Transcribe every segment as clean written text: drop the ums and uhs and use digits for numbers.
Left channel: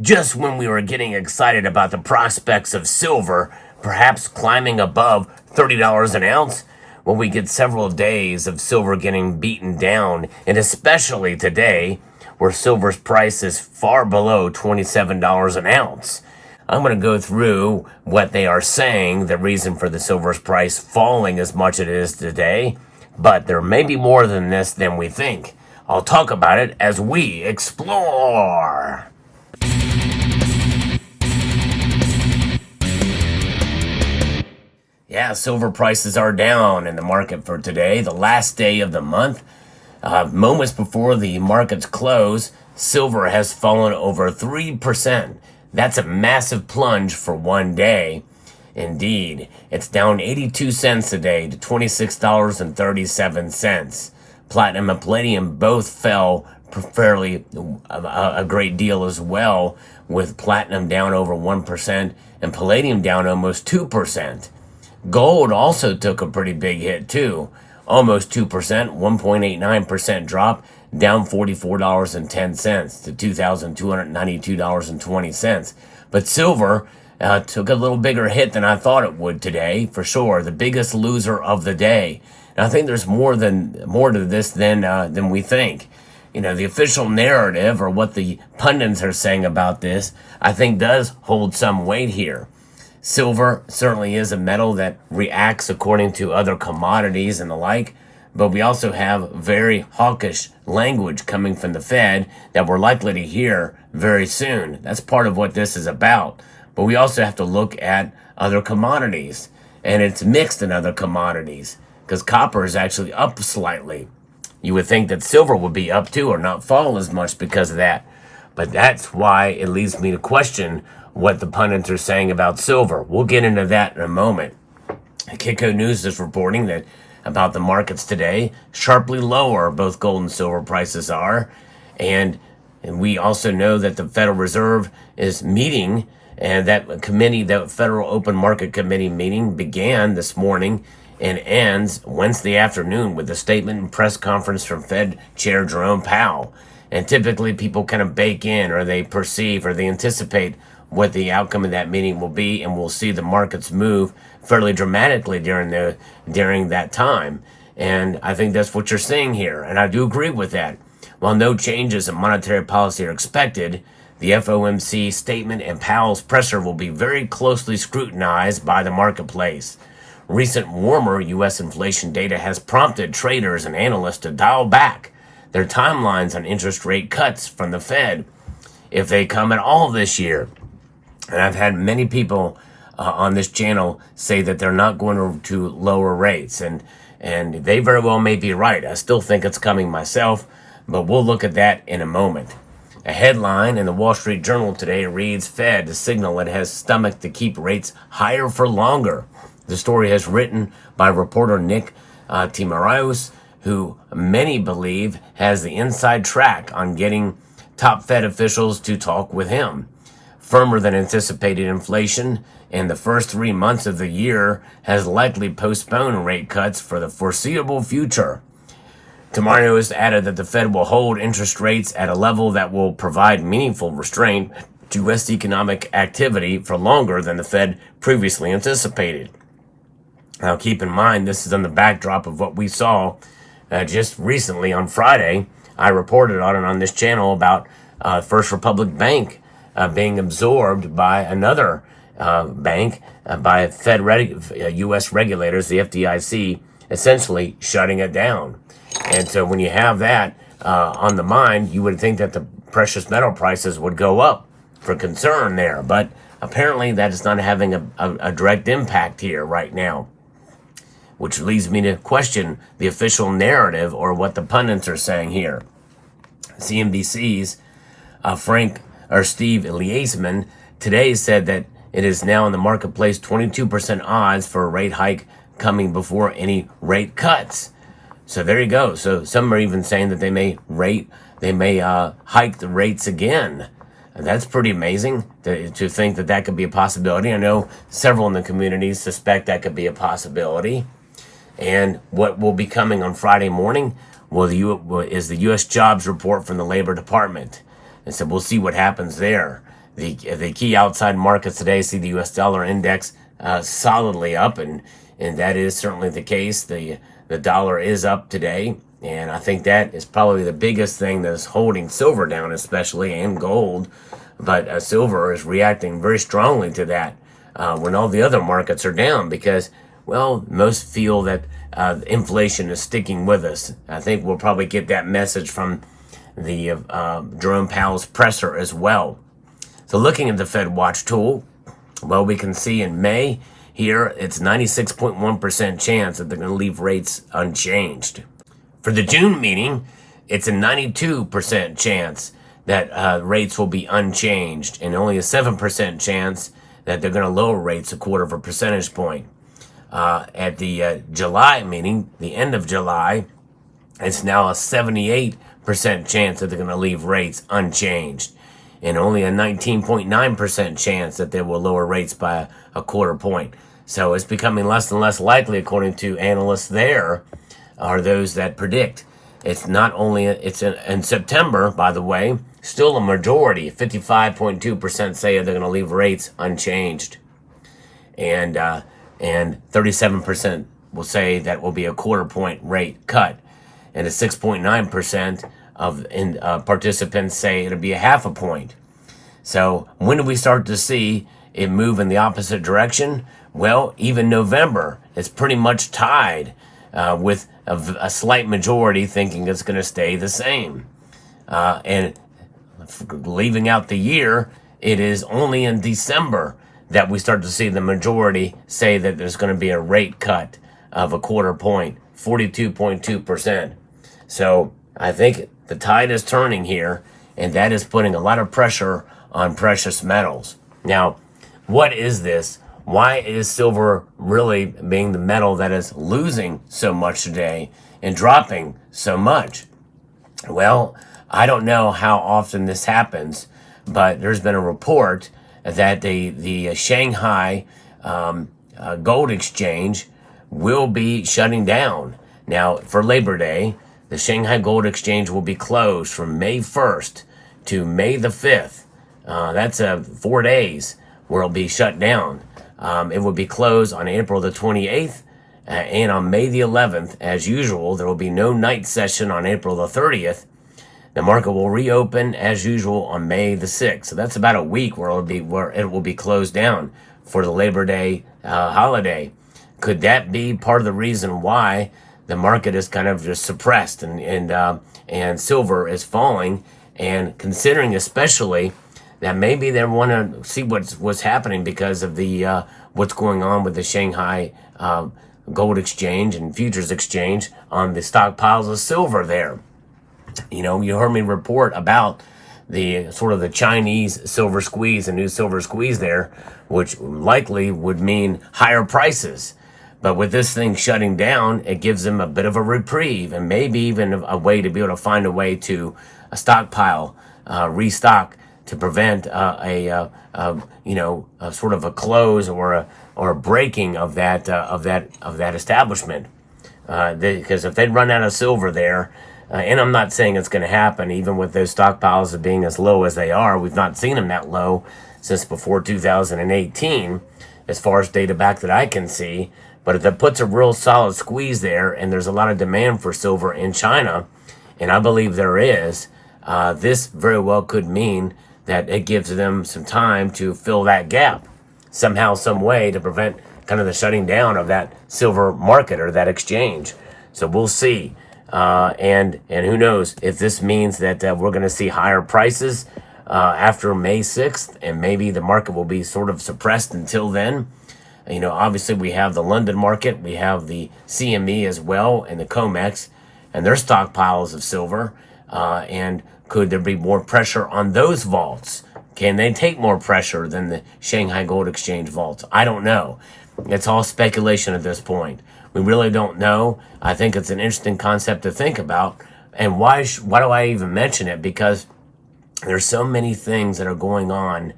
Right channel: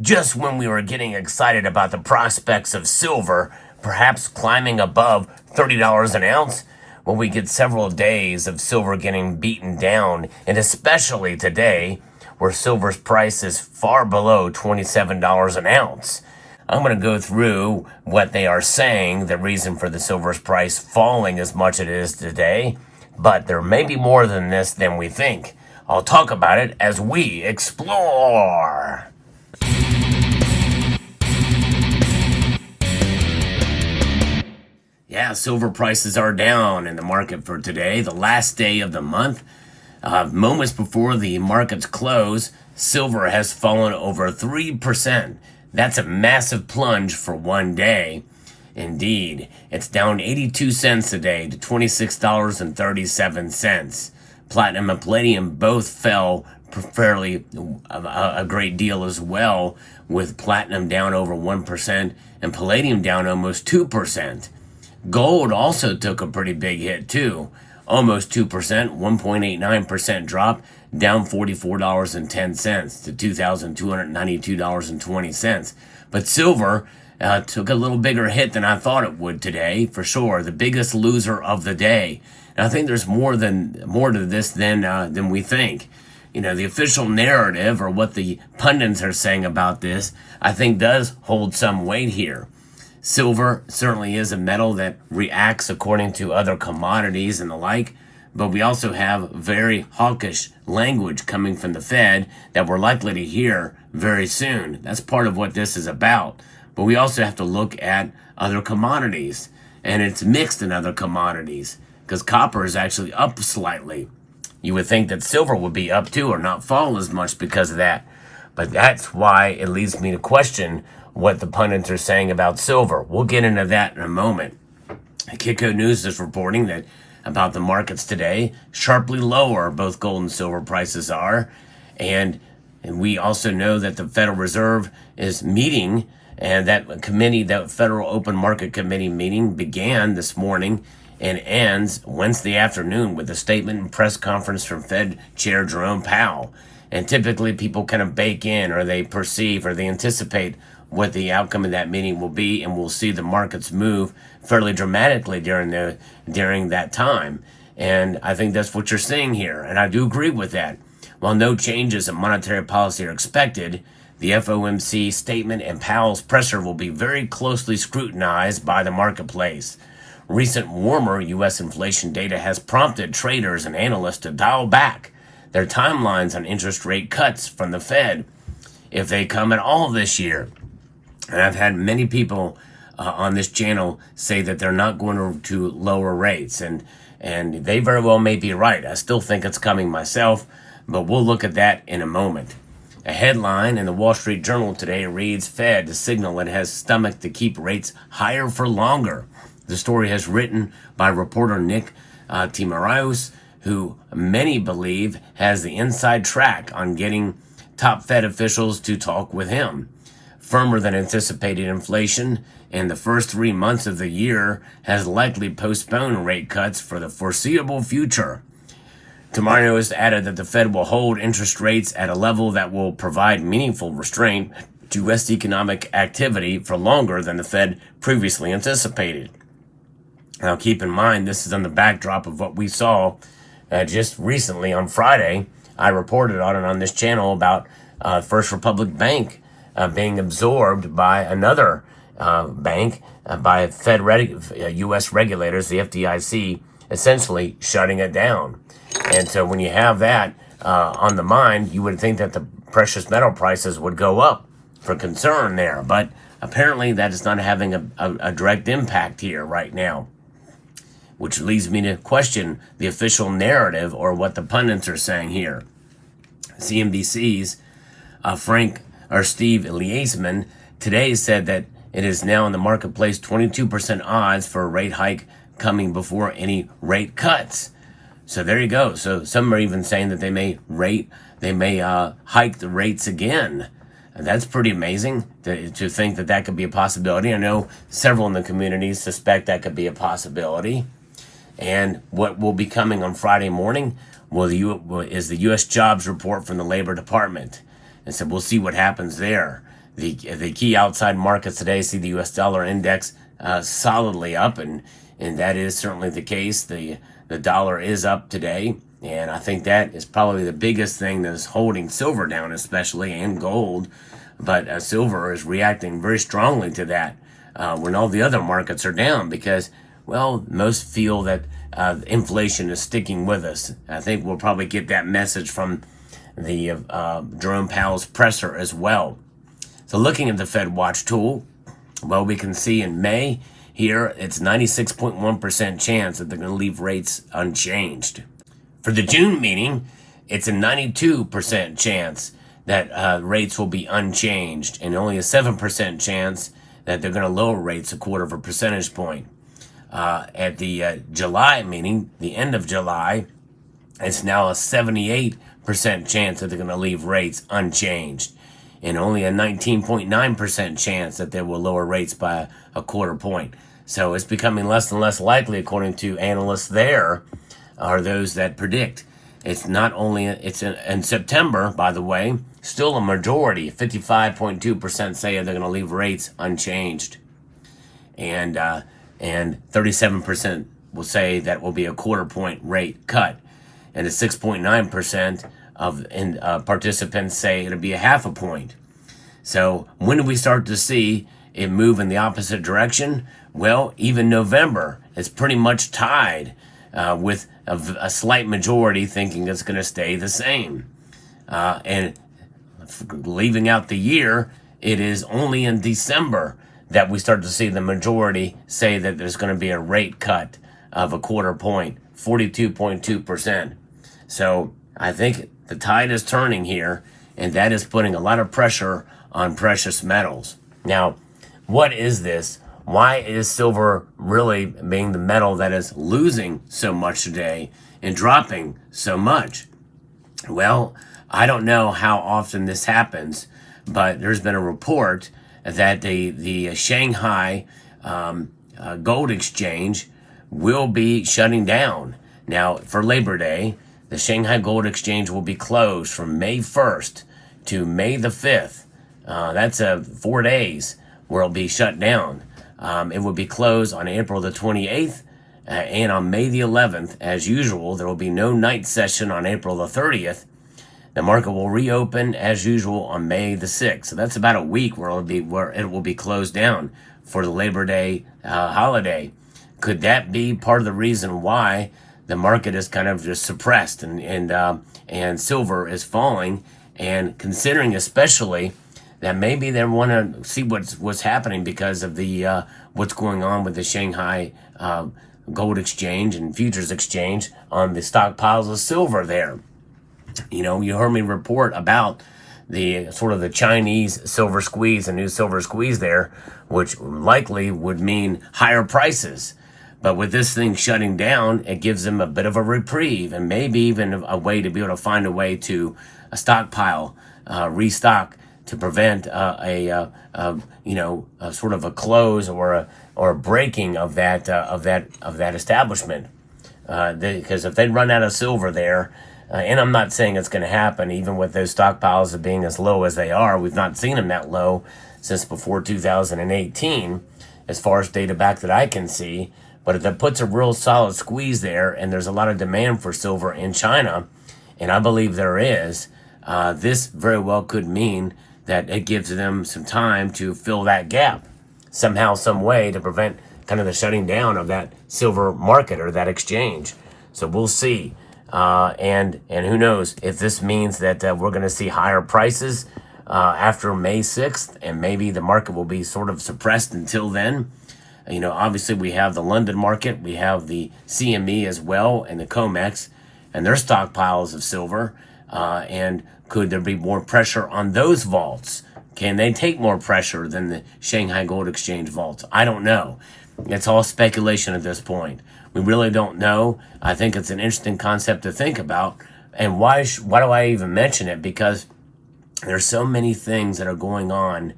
just when we were getting excited about the prospects of silver perhaps climbing above $30 an ounce, well, we get several days of silver getting beaten down, and especially today, where silver's price is far below $27 an ounce. I'm going to go through what they are saying, the reason for the silver's price falling as much as it is today, but there may be more than this than we think. I'll talk about it as we explore. Yeah, silver prices are down in the market for today, the last day of the month. Moments before the market's close, silver has fallen over 3%. That's a massive plunge for one day. Indeed, it's down 82 cents a day to $26.37. Platinum and palladium both fell fairly a great deal as well, with platinum down over 1% and palladium down almost 2%. Gold also took a pretty big hit too, almost 2%, 1.89% drop, down $44.10 to $2,292.20. But silver took a little bigger hit than I thought it would today, for sure. The biggest loser of the day. And I think there's more to this than we think. You know, the official narrative, or what the pundits are saying about this, I think does hold some weight here. Silver certainly is a metal that reacts according to other commodities and the like, but we also have very hawkish language coming from the Fed that we're likely to hear very soon. That's part of what this is about. But we also have to look at other commodities, and it's mixed in other commodities, because copper is actually up slightly. You would think that silver would be up too, or not fall as much because of that. But that's why it leads me to question what the pundits are saying about silver. We'll get into that in a moment. Kiko News is reporting that about the markets today, sharply lower both gold and silver prices are. And we also know that the Federal Reserve is meeting, and that committee, the Federal Open Market Committee meeting, began this morning and ends Wednesday afternoon with a statement and press conference from Fed Chair Jerome Powell. And typically people kind of bake in, or they perceive, or they anticipate what the outcome of that meeting will be, and we'll see the markets move fairly dramatically during that time. And I think that's what you're seeing here, and I do agree with that. While no changes in monetary policy are expected, the FOMC statement and Powell's presser will be very closely scrutinized by the marketplace. Recent warmer U.S. inflation data has prompted traders and analysts to dial back their timelines on interest rate cuts from the Fed, if they come at all this year. And I've had many people on this channel say that they're not going to lower rates, and they very well may be right. I still think it's coming myself, but we'll look at that in a moment. A headline in the Wall Street Journal today reads, Fed to signal it has stomach to keep rates higher for longer. The story is written by reporter Nick Timiraos, who many believe has the inside track on getting top Fed officials to talk with him. Firmer than anticipated inflation in the first 3 months of the year has likely postponed rate cuts for the foreseeable future. Timiraos added that the Fed will hold interest rates at a level that will provide meaningful restraint to U.S. economic activity for longer than the Fed previously anticipated. Now keep in mind, this is on the backdrop of what we saw just recently on Friday. I reported on it on this channel about First Republic Bank being absorbed by another bank, by U.S. regulators, the FDIC, essentially shutting it down. And so when you have that on the mind, you would think that the precious metal prices would go up for concern there. But apparently that is not having a direct impact here right now, which leads me to question the official narrative, or what the pundits are saying here. CNBC's Steve Eliasman today said that it is now in the marketplace 22% odds for a rate hike coming before any rate cuts. So there you go. So some are even saying that they may hike the rates again. And that's pretty amazing to think that that could be a possibility. I know several in the community suspect that could be a possibility. And what will be coming on Friday morning is the U.S. jobs report from the Labor Department. And so we'll see what happens there. The key outside markets today see the U.S. dollar index solidly up, and that is certainly the case. The dollar is up today, and I think that is probably the biggest thing that's holding silver down, especially, and gold. But silver is reacting very strongly to that when all the other markets are down because, well, most feel that inflation is sticking with us. I think we'll probably get that message from the Jerome Powell's presser as well. So looking at the Fed Watch tool, well, we can see in May here, it's 96.1% chance that they're going to leave rates unchanged. For the June meeting, it's a 92% chance that rates will be unchanged and only a 7% chance that they're going to lower rates 0.25 percentage point. At the July meeting, the end of July, it's now a 78% chance that they're going to leave rates unchanged and only a 19.9% chance that they will lower rates by 0.25 point. So it's becoming less and less likely, according to analysts there, are those that predict. It's not only, in September, by the way, still a majority, 55.2% say they're going to leave rates unchanged. And 37% will say that will be a 0.25 point rate cut. And a 6.9% of participants say it'll be a 0.5 point. So when do we start to see it move in the opposite direction? Well, even November is pretty much tied with a slight majority thinking it's going to stay the same. And leaving out the year, it is only in December that we start to see the majority say that there's going to be a rate cut of 0.25 point, 42.2%. So I think the tide is turning here, and that is putting a lot of pressure on precious metals. Now, what is this? Why is silver really being the metal that is losing so much today and dropping so much? Well, I don't know how often this happens, but there's been a report that the Shanghai Gold Exchange will be shutting down. Now, for Labor Day, the Shanghai Gold Exchange will be closed from May 1st to May the 5th. That's 4 days where it'll be shut down. It will be closed on April the 28th and on May the 11th. As usual, there will be no night session on April the 30th. The market will reopen as usual on May the 6th. So that's about a week where it will be closed down for the Labor Day holiday. Could that be part of the reason why the market is kind of just suppressed and silver is falling? And considering especially that maybe they want to see what's happening because of the what's going on with the Shanghai Gold Exchange and Futures Exchange on the stockpiles of silver there. You know, you heard me report about the sort of the Chinese silver squeeze, a new silver squeeze there, which likely would mean higher prices. But with this thing shutting down, it gives them a bit of a reprieve and maybe even a way to be able to find a way to stockpile, restock to prevent a sort of a close or a breaking of that establishment. Because if they run out of silver there, and I'm not saying it's going to happen, even with those stockpiles being as low as they are. We've not seen them that low since before 2018, as far as data back that I can see. But if it puts a real solid squeeze there, and there's a lot of demand for silver in China, and I believe there is, this very well could mean that it gives them some time to fill that gap somehow, some way, to prevent kind of the shutting down of that silver market or that exchange. So we'll see. And who knows if this means that we're going to see higher prices after May 6th, and maybe the market will be sort of suppressed until then. You know, obviously we have the London market, we have the CME as well, and the COMEX, and their stockpiles of silver. And could there be more pressure on those vaults? Can they take more pressure than the Shanghai Gold Exchange vaults? I don't know. It's all speculation at this point. We really don't know. I think it's an interesting concept to think about. And why do I even mention it? Because there's so many things that are going on,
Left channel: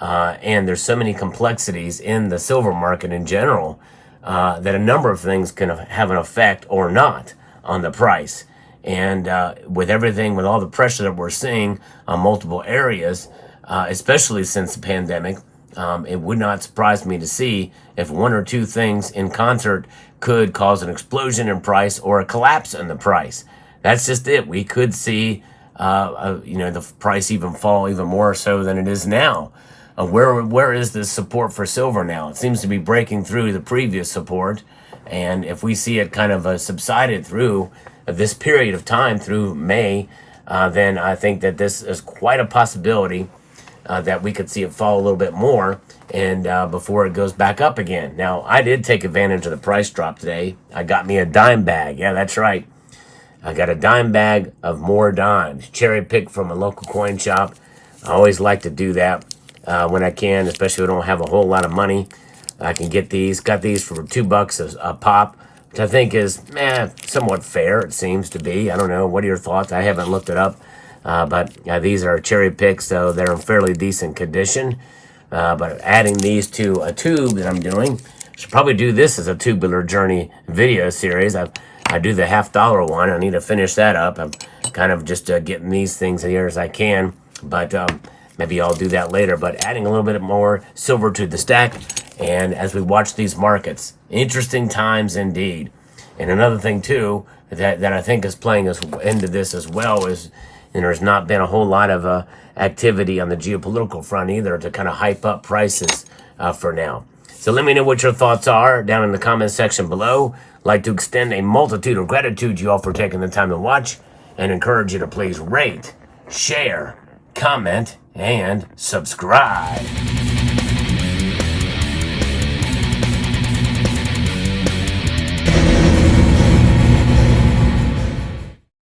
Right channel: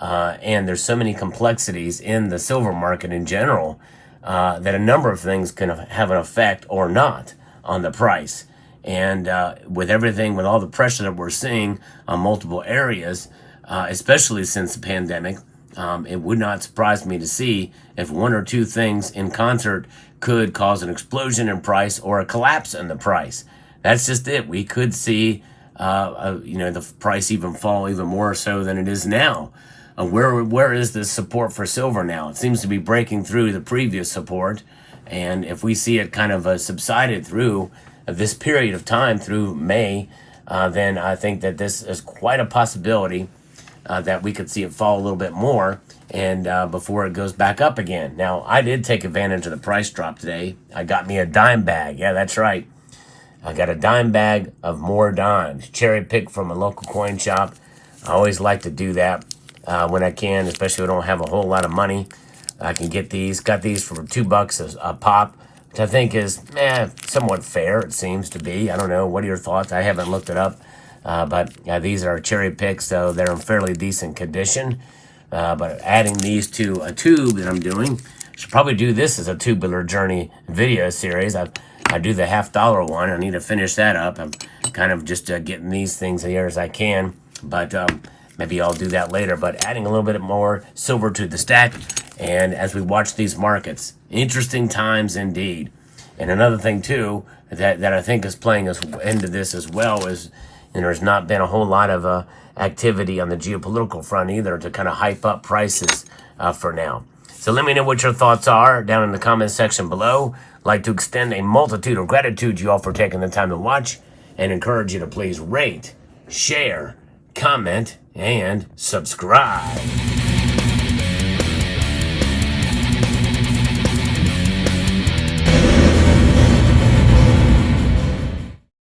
and there's so many complexities in the silver market in general, that a number of things can have an effect or not on the price. And with everything, with all the pressure that we're seeing on multiple areas, especially since the pandemic. It would not surprise me to see if one or two things in concert could cause an explosion in price or a collapse in the price. That's just it. We could see, the price even fall even more so than it is now. Where is the support for silver now? It seems to be breaking through the previous support. And if we see it kind of subsided through this period of time through May, then I think that this is quite a possibility that we could see it fall a little bit more and before it goes back up again. Now, I did take advantage of the price drop today. I got me a dime bag. Yeah, that's right. I got a dime bag of more dimes, cherry picked from a local coin shop. I always like to do that when I can, especially if I don't have a whole lot of money. I can get these. Got these for $2 a pop, which I think is somewhat fair. It seems to be. I don't know. What are your thoughts? I haven't looked it up. But these are cherry picks, so they're in fairly decent condition. But adding these to a tube that I'm doing, should probably do this as a tubular journey video series. I do the $50 one. I need to finish that up. I'm kind of just getting these things here as I can, but maybe I'll do that later. But adding a little bit more silver to the stack, and as we watch these markets, interesting times indeed. And another thing too that I think is playing us into this as well is, and there's not been a whole lot of activity on the geopolitical front either to kind of hype up prices for now. So let me know what your thoughts are down in the comment section below. I'd like to extend a multitude of gratitude to you all for taking the time to watch, and encourage you to please rate, share, comment, and subscribe.